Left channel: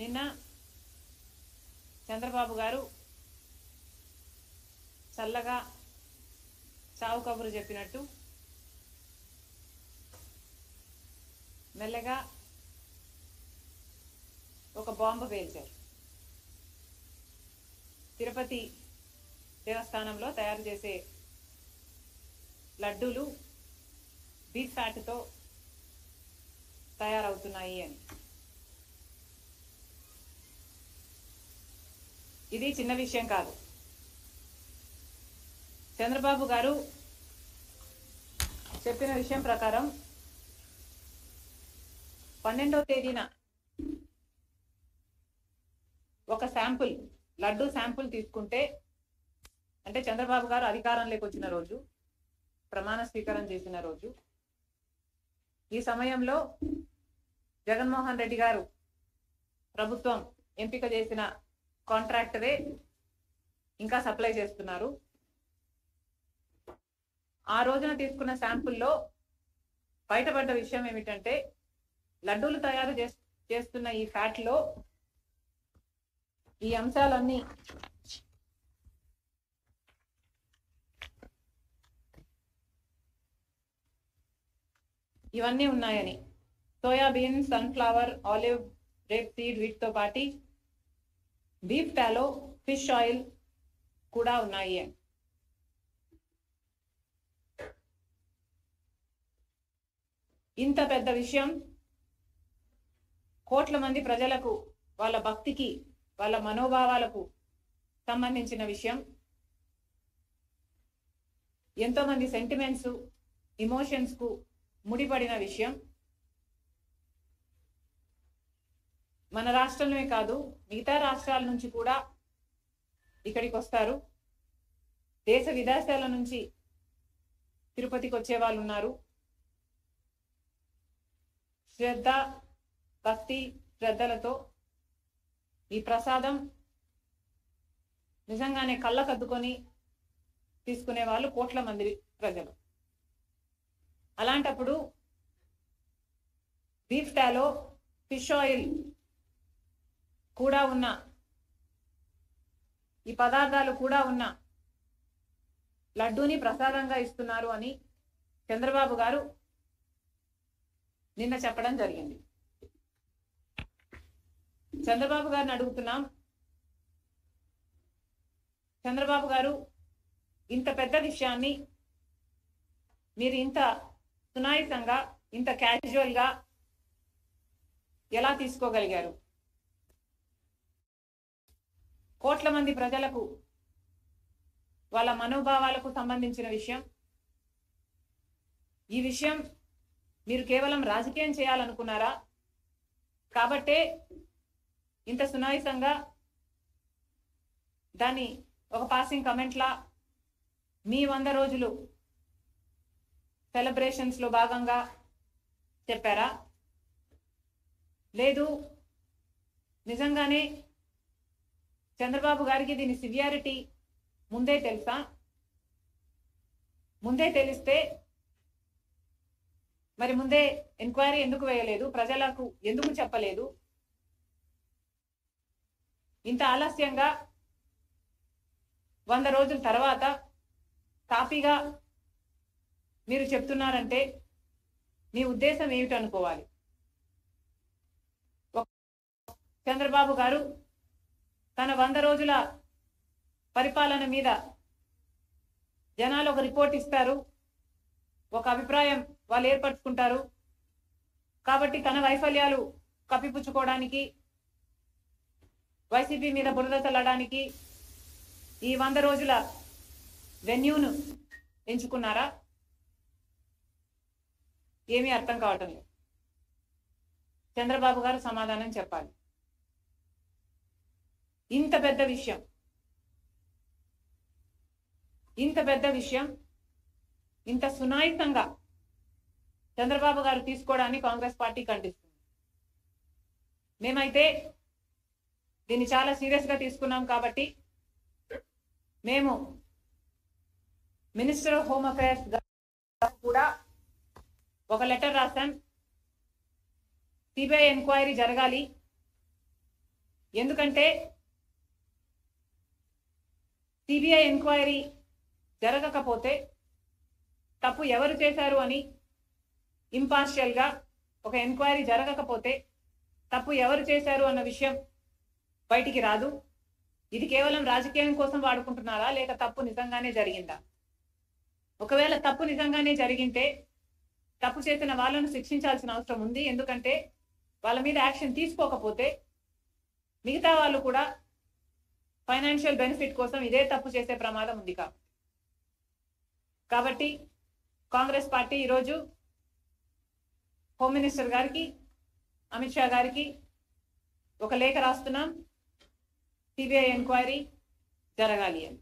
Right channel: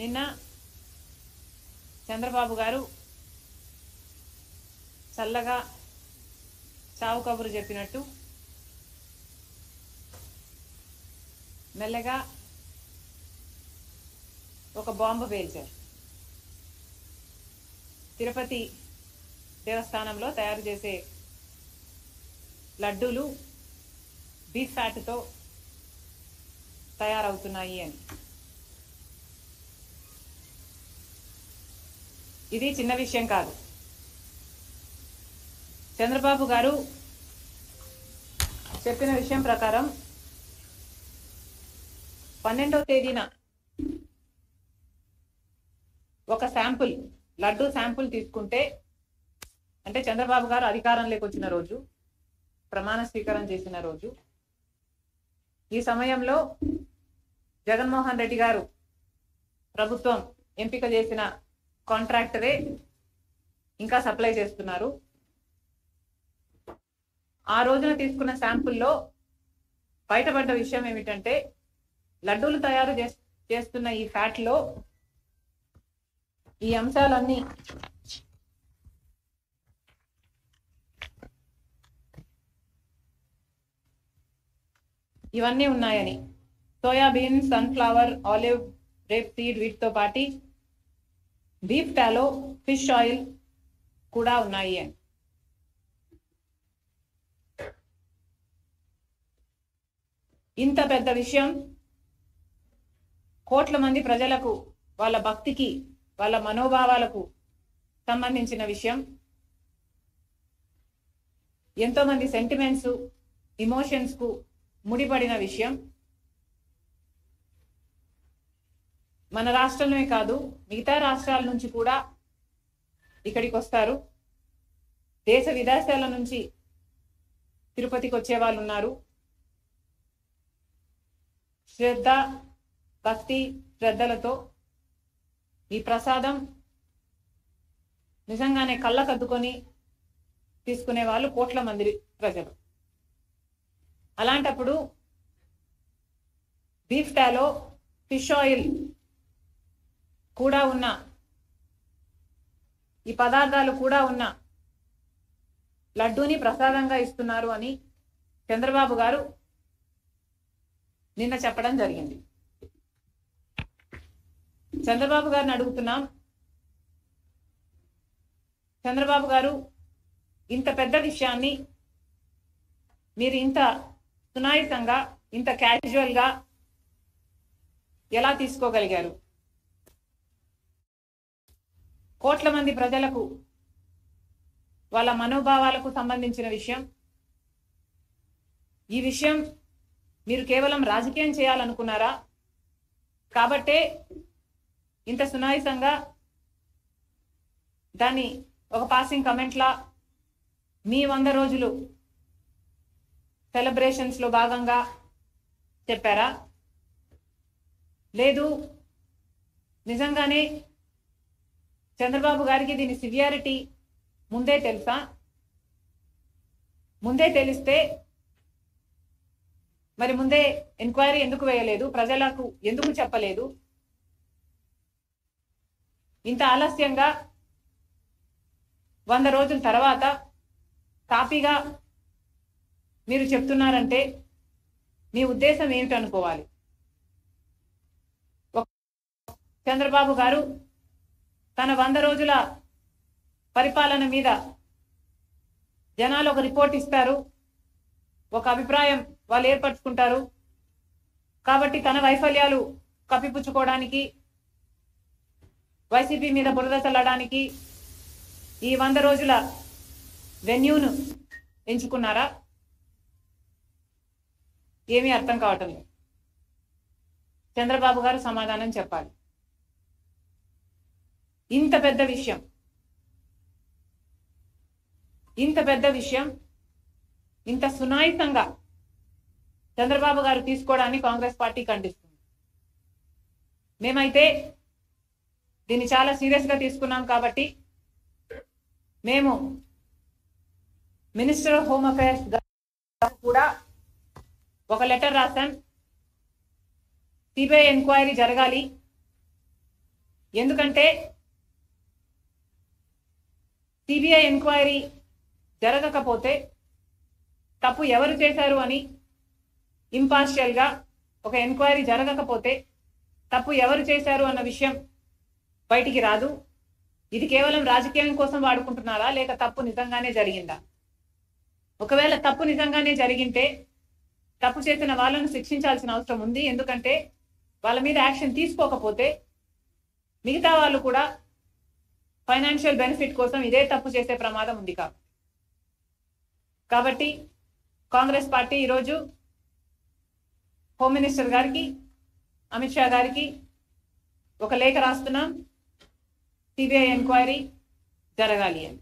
నిన్న చంద్రబాబు గారు చల్లగా చావు కబురు చెప్పినట్టు మెల్లగా ఒక బాంబు పేల్చారు. తిరుపతి దేవస్థానంలో తయారు చేసే లడ్డూలు బీఫ్ ఫ్యాట్తో తయారవుతున్నాయి అని. ఇది చిన్న విషయం కాదు. చంద్రబాబు గారు చెప్పిన విషయం ప్రకారం 12వ తేదీన ఒక శాంపుల్ లడ్డూ శాంపుల్ తీసుకుంటే, అంటే చంద్రబాబు గారు అధికారంలోకి వచ్చిన రోజు, ప్రమాణ స్వీకారం చేసిన రోజు, ఈ సమయంలో జగన్మోహన్ రెడ్డి గారు ప్రభుత్వం ఎంపిక చేసిన కాంట్రాక్టరే ఇంకా సప్లై చేస్తున్నారు. ఆ రోజున తీసుకున్న శాంపుల్లో బయటపడ్డ విషయం ఏమిటంటే, లడ్డూలు తయారు చేస్తున్న ఈ ఫ్యాట్ లో ఈ అంశాలన్నీ ఇవన్నీ ఉన్నాయని, soybean, sunflower, olive, rape seed, వీటితో పాటు బీఫ్ టాలో, ఫిష్ ఆయిల్ కూడా ఉన్నాయి అని. ఇంత పెద్ద విషయం, కోట్ల మంది ప్రజలకు, వాళ్ళ భక్తికి, వాళ్ళ మనోభావాలకు సంబంధించిన విషయం, ఎంతో మంది సెంటిమెంట్స్, ఇమోషన్స్ కు ముడిపడిన విషయం. మన రాష్ట్రంలోనే కాదు, మిగతా రాష్ట్రాల నుంచి కూడా ఇక్కడికి వస్తారు. దేశ విదేశాల నుంచి తిరుపతికి వచ్చే వాళ్ళు ఉన్నారు. శ్రద్ధ, భక్తి, శ్రద్ధలతో ఈ ప్రసాదం నిజంగానే కళ్ళకద్దుకొని తీసుకునే వాళ్ళు కోట్ల మంది ప్రజలు. అలాంటప్పుడు బీఫ్ టాలో, ఫిష్ ఆయిల్ కూడా ఉన్న, ఈ పదార్థాలు కూడా ఉన్న లడ్డూని ప్రసాదంగా ఇస్తున్నారు అని చంద్రబాబు గారు నిన్న చెప్పడం జరిగింది. చంద్రబాబు గారిని అడుగుతున్నాం, చంద్రబాబు గారు ఇంత పెద్ద విషయాన్ని మీరు ఇంత సునాయాసంగా, ఇంత క్యాజువల్ గా ఎలా తీసుకోగలిగారు? కోట్ల మంది ప్రజలకు, వాళ్ళ మనోభావాలకు సంబంధించిన విషయం. ఈ విషయం మీరు కేవలం రాజకీయం చేయాలనుకున్నారా? కాబట్టే ఇంత సునాయాసంగా దాన్ని ఒక పాసింగ్ కమెంట్లా మీ 100 రోజులు సెలబ్రేషన్స్ లో భాగంగా చెప్పారా? లేదు, నిజంగానే చంద్రబాబు గారికి దీని సివియారిటీ ముందే తెలుసా? ముందే తెలిస్తే మరి ముందే ఎంక్వైరీ ఎందుకు వేయలేదు? ప్రజలకు ఎందుకు చెప్పలేదు? ఇంత ఆలస్యంగా 100 రోజుల తర్వాత తాపీగా మీరు చెప్తున్నారంటే మీ ఉద్దేశం ఏమిటనుకోవాలి? చంద్రబాబు గారు తన 100 రోజుల పరిపాలన మీద జనాలు ఒక రిపోర్ట్ ఇస్తారు, ఒక అభిప్రాయం వాళ్ళు ఏర్పరచుకుంటారు. కాబట్టి తన వైఫల్యాలు కప్పిపుచ్చుకోవడానికి, వైసీపీ మీద బురద చల్లడానికి ఈ 100 రోజుల వెన్యూను ఎంచుకున్నారా? ఏమీ అర్థం కావటం లేదు. చంద్రబాబు గారు సమాధానం చెప్పాలి. ఇంత పెద్ద విషయం, ఇంత పెద్ద విషయం ఇంత సునాయాసంగా చంద్రబాబు గారు తీసుకోవడాన్ని కాంగ్రెస్ పార్టీ ఖండిస్తుంది. మేమైతే దీన్ని చాలా సీరియస్ గా తీసుకున్నాం. కాబట్టి మేము మినిస్టర్ ఆఫ్ హోమ్ అఫైర్స్ కూడా ఒక లెటర్ రాశాం. సిబిఐ ఎంక్వైరీ జరగాలి, ఎందుకంటే సిబిఐ ఎంక్వైరీ జరగకపోతే తప్పు ఎవరు చేశారు అని ఇంపార్షియల్గా ఒక ఎంక్వైరీ జరగకపోతే తప్పు ఎవరు చేశారు అన్న విషయం బయటికి రాదు. ఇది కేవలం రాజకీయం కోసం వాడుకుంటున్నారా లేక తప్పు నిజంగానే జరిగిందా? ఒకవేళ తప్పు నిజంగానే జరిగింటే తప్పు చేసిన వాళ్ళను శిక్షించాల్సిన అవసరం ఉంది. ఎందుకంటే వాళ్ళ మీద యాక్షన్ తీసుకోకపోతే మిగతా వాళ్ళు కూడా ఫైనాన్షియల్ బెనిఫిట్ కోసం ఇదే తప్పు చేసే ప్రమాదం ఉంది. కాబట్టి కాంగ్రెస్ పార్టీ ఈరోజు హోమ్ మినిస్టర్ గారికి, అమిత్ షా గారికి ఒక లేఖ రాస్తున్నాం, సిబిఐ ఎంక్వైరీ జరగాలి అని.